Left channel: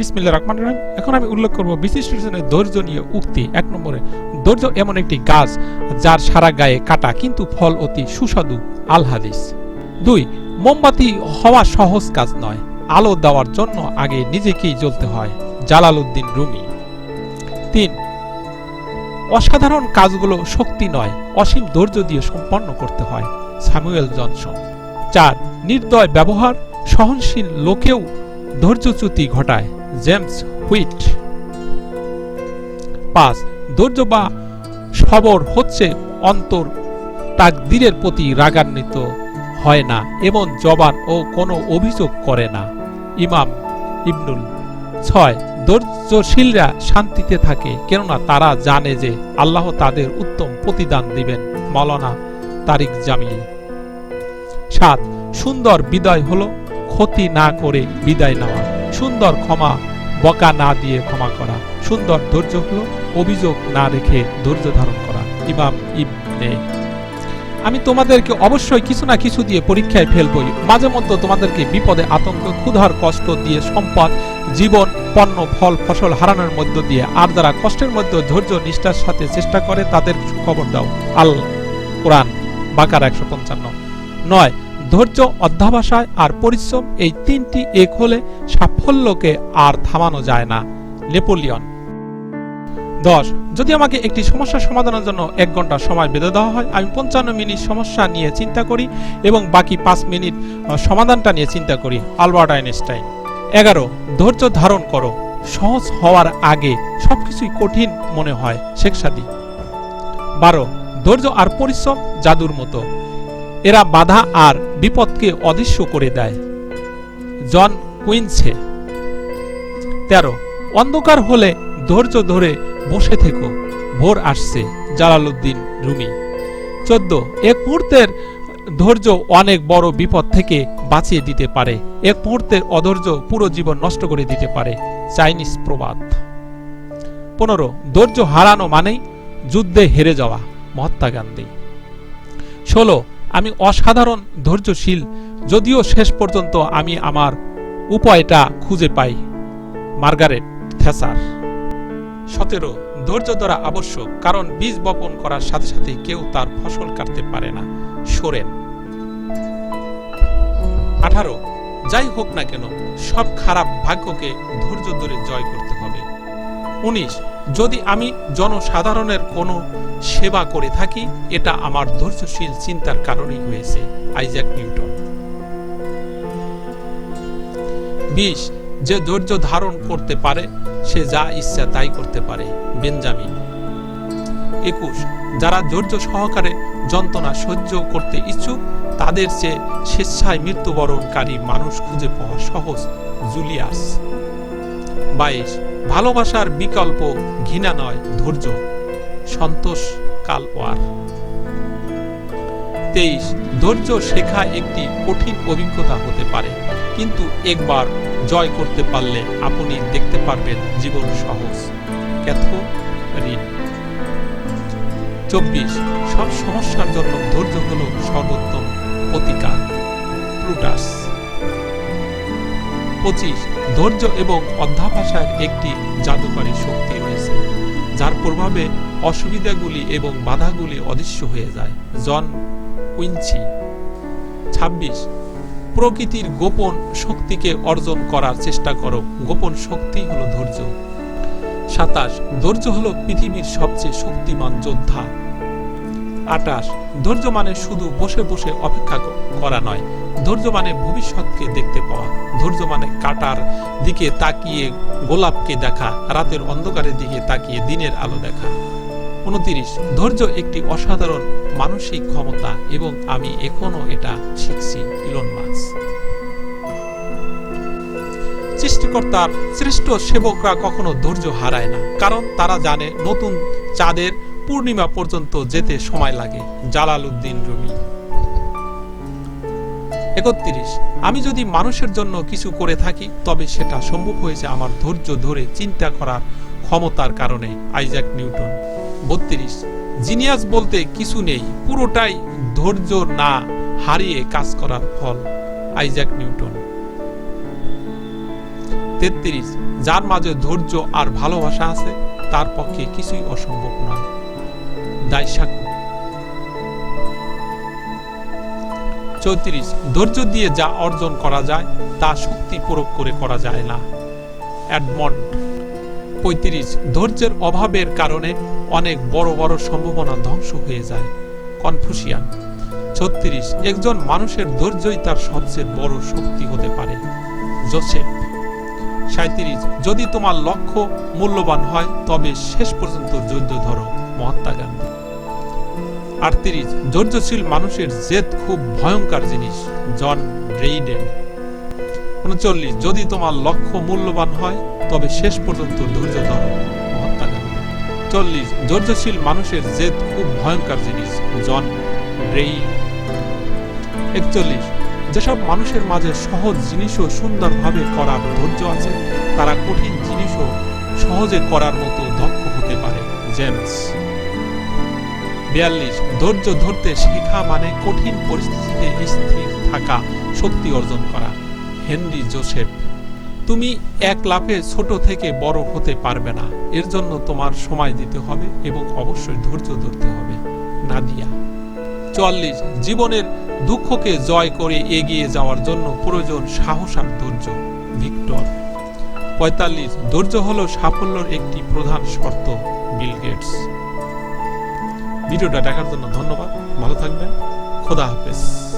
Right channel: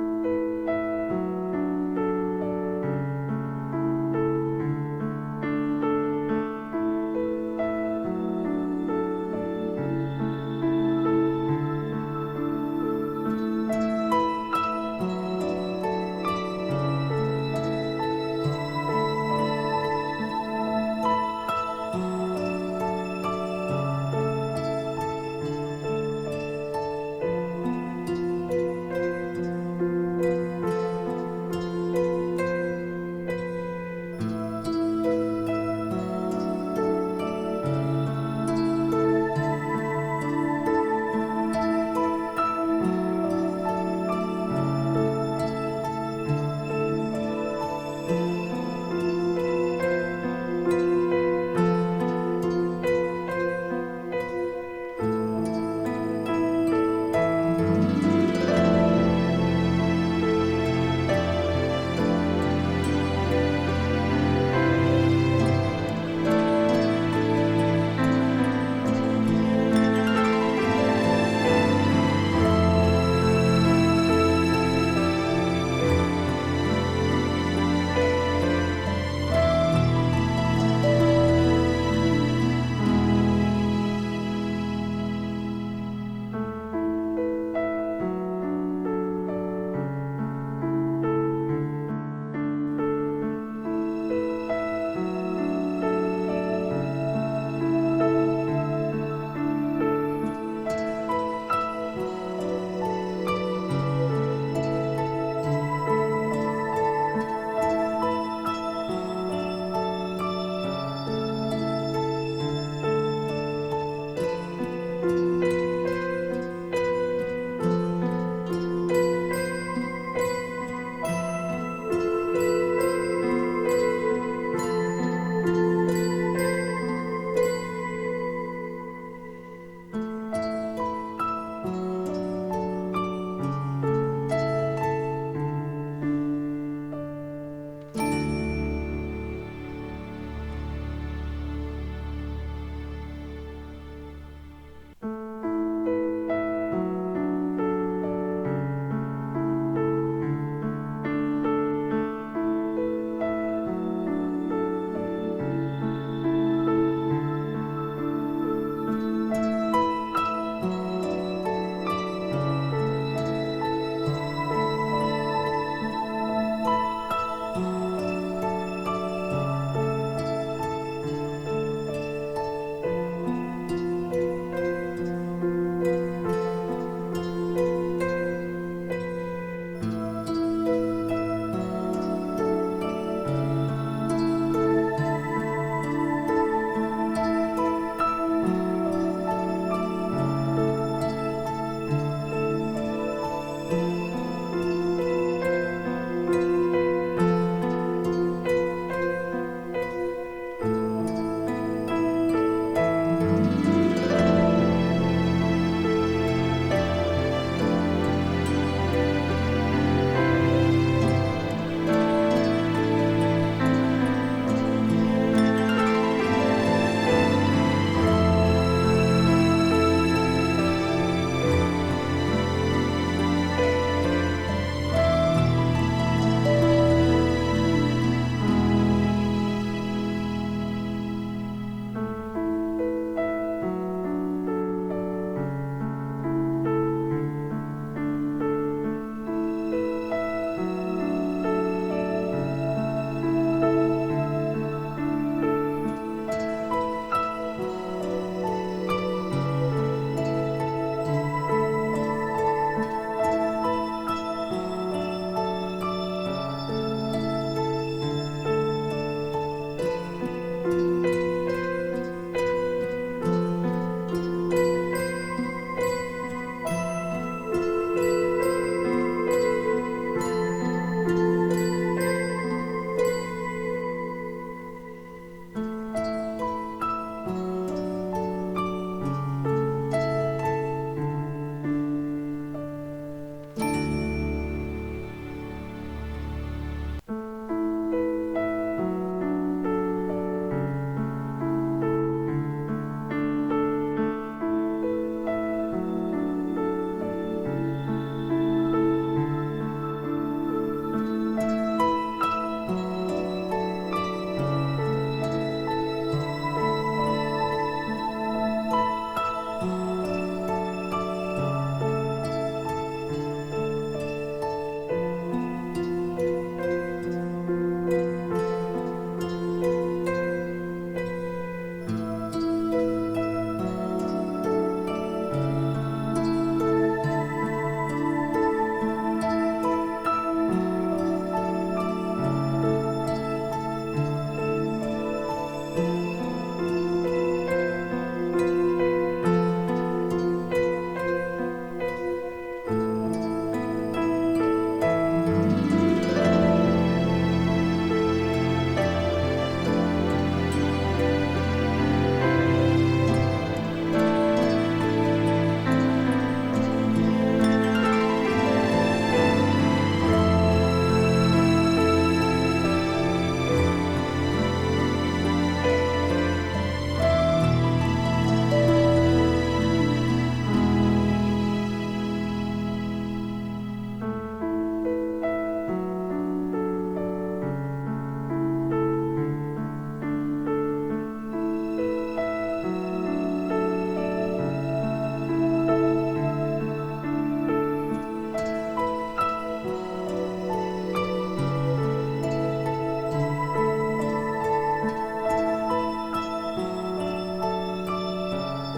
বিসমিল্লাহির রহমানির রহিম। এখন আমি উল্লেখ করব বিশিষ্ট জনের ধৈর্য নিয়ে উক্তি। ১ নম্বরে, ধৈর্য এমন একটি গাছ যার সারা গায়ে কাটা কিন্তু ফল অতি সুস্বাদু। আল হাদিস। ২, মোমবাতি হওয়া সহজ কাজ নয়, আলো দেওয়ার জন্য আগে নিজেকেই জ্বলতে হয়। Jalaluddin Rumi. ৩, অসাধারণ কাজগুলো শক্তি নয়, অসীম ধৈর্য দিয়ে সম্পন্ন করতে হয়। Samuel Johnson. ৪, নির্দয় ব্যবহার সহনশীল লোকেও ধৈর্যচ্যুতি ঘটায়। James wheat. ৫, ধৈর্য বা সবর হচ্ছে অন্তর তাকদীরের প্রতি রাগান্বিত হয় না এবং জবান ও কোনো অভিযোগ করে না। ইমাম ইবনুল। ৬, ধৈর্যশীলরা শান্তিতে থাকে কেননা তারা জানে যে আল্লাহ তাদের উত্তম প্রতিদান দিবেন। মাওলানা তারিক জামিল। ৭, সুন্দর বিদায় হলো ক্ষতি না করে বিদায় নেওয়া। সুন্দর ক্ষমা বকা না দিয়ে ক্ষমা করা। সুন্দর ধৈর্য হলো অভিযোগ না রেখে ধৈর্য ধারণ করা। ইমাম ইবনে। আমি তোমাদেরকে অবশ্যই কিছু না কিছু দিয়ে পরীক্ষায় ফেলবই। মাঝে মধ্যে তোমাদেরকে বিপদে আতঙ্ক ক্ষুধার কষ্ট দিয়ে সম্পদ জীবন পণ্য ফল ফসল হারানোর মধ্য দিয়ে, আর যারা কষ্টের মধ্যে ধৈর্য নিষ্ঠার সাথে চেষ্টা করে তাদের খবর দাও। আল কোরআন বাকারা ১৫৫। ৯, ধৈর্য অধ্যবসায় আর পরিশ্রম এই তিনটি এক হলে সাফল্যকে আর থামানো যায় না। নেপোলিয়ন। ১০, যদি আমাকে একটি সমস্যা সমাধানের জন্য ১ ঘন্টা সময় বেঁধে দেওয়া হয়, আমি ৫৫ মিনিট সমস্যা নিয়ে চিন্তা করি এবং বাকি ৫ মিনিট সমাধানটা নিয়ে চিন্তা করি। Albert Einstein. ১১, ধৈর্য ধারণ করো, সহজ হওয়ার আগে সবকিছুই কঠিন মনে হয়। শেখ সাদী। ১২, ধৈর্য আর পরিশ্রম জাদুর মতো, এরা বাধা আর বিপদকে অদৃশ্য করে দেয়। জন উইনসে। ১৩, অন্ধকার হলে ধৈর্য ধরে বসে থেকো, ভোর আসছে। Jalaluddin Rumi. ১৪, এক মুহূর্তের ধৈর্য অনেক বড় বিপদ থেকে বাঁচিয়ে দিতে পারে, এক মুহূর্তের অধৈর্য পুরো জীবন নষ্ট করে দিতে পারে। চাইনিজ প্রবাদ। ১৫, ধৈর্য হারানো মানেই যুদ্ধে হেরে যাওয়া। মহাত্মা গান্ধী। ১৬, আমি অসাধারণ ধৈর্যশীল, যদিও শেষ পর্যন্ত আমি আমার উপায়টা খুঁজে পাই। Margaret Thatcher. ১৭, ধৈর্য ধরা আবশ্যক, কারণ বীজ বপন করার সাথে সাথে কেউ তার ফসল কাটতে পারে না। সোরেন। ১৮, যাই হোক না কেন সব খারাপ ভাগ্যকে ধৈর্য ধরে জয় করতে হবে। ১৯, যদি আমি জনসাধারণের কোনো সেবা করে থাকি এটা আমার ধৈর্যশীল চিন্তার কারণেই হয়েছে। Isaac Newton. ২০, যে ধৈর্য ধারণ করতে পারে সে যা ইচ্ছা তাই করতে পারে। বেঞ্জামিন। ২১, যারা ধৈর্য সহকারে যন্ত্রণা সহ্য করতে ইচ্ছুক তাদের চেয়ে স্বেচ্ছায় মৃত্যুবরণকারী মানুষ খুঁজে পাওয়া সহজ। জুলিয়াস। ২২, ভালোবাসার বিকল্প ঘৃণা নয়, ধৈর্য। সন্তোষ কালওয়ার। ২৩, ধৈর্য শেখা একটি কঠিন অভিজ্ঞতা হতে পারে, কিন্তু একবার জয় করতে পারলে আপনি দেখতে পারবেন জীবন সহজ। ক্যাথরিন। ২৪, সব সমস্যার জন্য ধৈর্য হল সর্বোত্তম প্রতিকার। প্লুটাস। ২৫, ধৈর্য এবং অধ্যবসায়ের একটি জাদুকরী শক্তি রয়েছে যার প্রভাবে অসুবিধাগুলি এবং বাধাগুলি অদৃশ্য হয়ে যায়। জন উইনচি। ২৬, প্রকৃতির গোপন শক্তিকে অর্জন করার চেষ্টা করো, গোপন শক্তি হলো ধৈর্য। ২৭, ধৈর্য হলো পৃথিবীর সবচেয়ে শক্তিমান যোদ্ধা। ২৮, ধৈর্য মানে শুধু বসে বসে অপেক্ষা করা নয়, ধৈর্য মানে ভবিষ্যৎকে দেখতে পাওয়া। ধৈর্য মানে কাটার দিকে তাকিয়ে গোলাপকে দেখা, রাতের অন্ধকারের দিকে তাকিয়ে দিনের আলো দেখা। ২৯, ধৈর্য একটি অসাধারণ মানসিক ক্ষমতা এবং আমি এখনো এটা শিখছি। Elon Musk. সৃষ্টিকর্তার শ্রেষ্ঠ সেবকরা কখনো ধৈর্য হারায় না, কারণ তারা জানে নতুন চাঁদের পূর্ণিমা পর্যন্ত যেতে সময় লাগে। Jalaluddin Rumi. ৩১, আমি যদি মানুষের জন্য কিছু করে থাকি তবে সেটা সম্ভব হয়েছে আমার ধৈর্য ধরে চিন্তা করার ক্ষমতার কারণে। Isaac Newton. ৩২, জিনিয়াস বলতে কিছু নেই, পুরোটাই ধৈর্য না হারিয়ে কাজ করার ফল। Isaac Newton. 33 যার মাঝে ধৈর্য আর ভালোবাসা আছে তার পক্ষে কিছুই অসম্ভব নয়। দাইসাকু। 34 ধৈর্য দিয়ে যা অর্জন করা যায় তা শক্তি প্রয়োগ করে করা যায় না। এডমন্ড। 35 ধৈর্যের অভাবের কারণে অনেক বড় বড় সম্ভাবনা ধ্বংস হয়ে যায়। কনফুসিয়ান। 36 একজন মানুষের ধৈর্যই তার সবচেয়ে বড় শক্তি হতে পারে। জোসেফ। 37 যদি তোমার লক্ষ্য মূল্যবান হয় তবে শেষ পর্যন্ত ধৈর্য ধরো। মহাত্মা গান্ধী। 38 ধৈর্যশীল মানুষের জেদ খুব ভয়ঙ্কর জিনিস। জন রেইডেন। 39 যদি তোমার লক্ষ্য মূল্যবান হয় তবে শেষ পর্যন্ত ধৈর্য ধরো। মহাত্মা গান্ধী। 40 ধৈর্যশীল মানুষের জেদ খুব ভয়ঙ্কর জিনিস। জন রেইন। 41 যেসব মানুষের মাঝে সহজ জিনিসও সুন্দরভাবে করার ধৈর্য আছে তারা কঠিন জিনিসও সহজে করার মতো দক্ষ হতে পারে। জেমস। 42 ধৈর্য ধরতে শেখা মানে কঠিন পরিস্থিতিতে স্থির থাকা, শক্তি অর্জন করা। Henry Joseph. তুমি এক লাফে ছোট থেকে বড় হতে পারবে না, এর জন্য তোমার সময় দিতে হবে এবং অবশ্যই ধৈর্য ধরতে হবে। নাদিয়া। 44 জীবনের দুঃখকে জয় করে এগিয়ে যাওয়ার জন্য প্রয়োজন সাহস আর ধৈর্য। ভিক্টর। 45 ধৈর্য হলো সাফল্যের একটি প্রধান শর্ত। Bill Gates. ভিডিওটা দেখার জন্য ধন্যবাদ। ভালো থাকবেন। খোদা হাফেজ।